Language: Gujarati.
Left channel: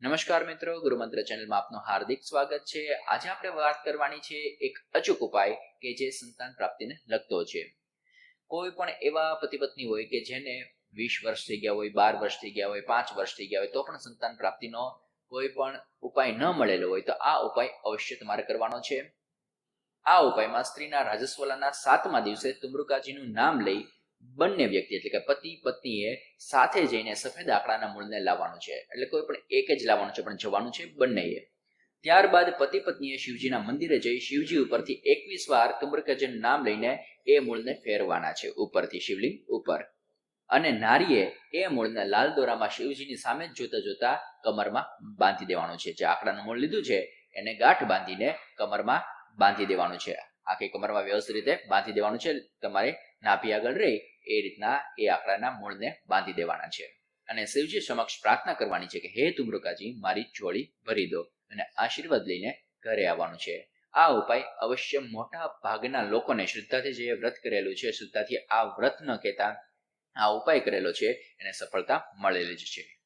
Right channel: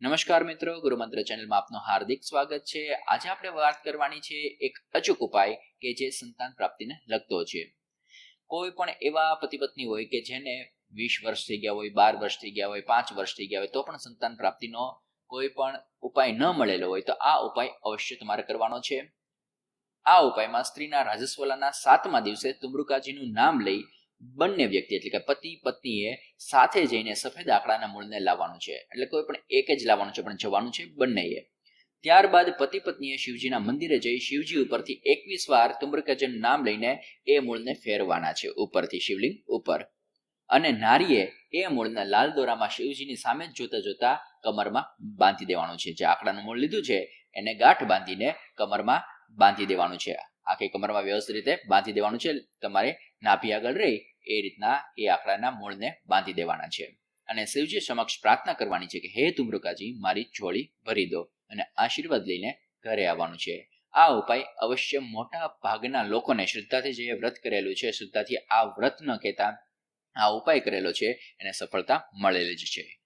નમસ્કાર મિત્રો, ગુરુમંત્ર ચેનલમાં આપનું હાર્દિક સ્વાગત છે. આજે આપણે વાત કરવાની છે એક અચૂક ઉપાય કે જે સંતાન પ્રાપ્તિને લગતો છે. કોઈ પણ એવા પતિ પત્ની હોય કે જેને 20 વર્ષ થઈ ગયા હોય, 12 વર્ષ થઈ ગયા હોય, 5 વર્ષ થઈ ગયા હોય, તો પણ સંતાન પ્રાપ્તિનો કોઈ પણ ઉપાય ન મળેલો હોય, તો આ ઉપાય અવશ્ય તમારે કરવાનો છે. આ ઉપાયમાં સ્ત્રીના રાજસ્વલાના 7મા દિવસે તુમ્રુકાજીનું નામ લઈ બંને વ્યક્તિ એટલે કે પતિ પત્નીએ સાથે જઈને સફેદ આકડાના મૂળને લાવવાનું છે. એટલે કોઈ પણ એક જ લાવવાનું છે, પણ જવાનું છે બંનેએ. ત્યારબાદ પતિ પત્નીએ શિવજીના મંદિરે જઈ શિવજી ઉપરથી 21 વાર તુમ્રુકાજીનું નામ લઈને એ મૂળને ફેરવાના છે ઉપરથી શિવલિંગ ઉપર. અને નારીએ એ મૂળને લાલ દોરામાં શિવજીની સામે જ જોતા જોતા કમરમાં બાંધી દેવાનું છે. જે આકડાનું મૂળ લીધું છે એને ગાંઠ બાંધીને કમરમાં બાંધી દેવાનું છે. આખી કમરમાં વ્યવસ્થિત રીતે બાંધી દેવાનું છે. તમારે નાભી આગળ રહી એ રીતના એ આકડાના મૂળને બાંધી દેવાના છે. અને શિવજી સમક્ષ પ્રાર્થના કરવાની છે કે હે તુમ્રુકાજી, મારી ઝોળી ભરી દો, અને આશીર્વાદ લઈને ઘરે આવવાનું છે. આ ઉપાય અવશ્ય મોટા ભાગના લોકોને શ્રદ્ધાથી જે વ્રત કરેલું છે, શ્રદ્ધાથી આ વ્રત ન કહેતા આ ઉપાય કરેલો છે એને સફળતા મળેલી જ છે.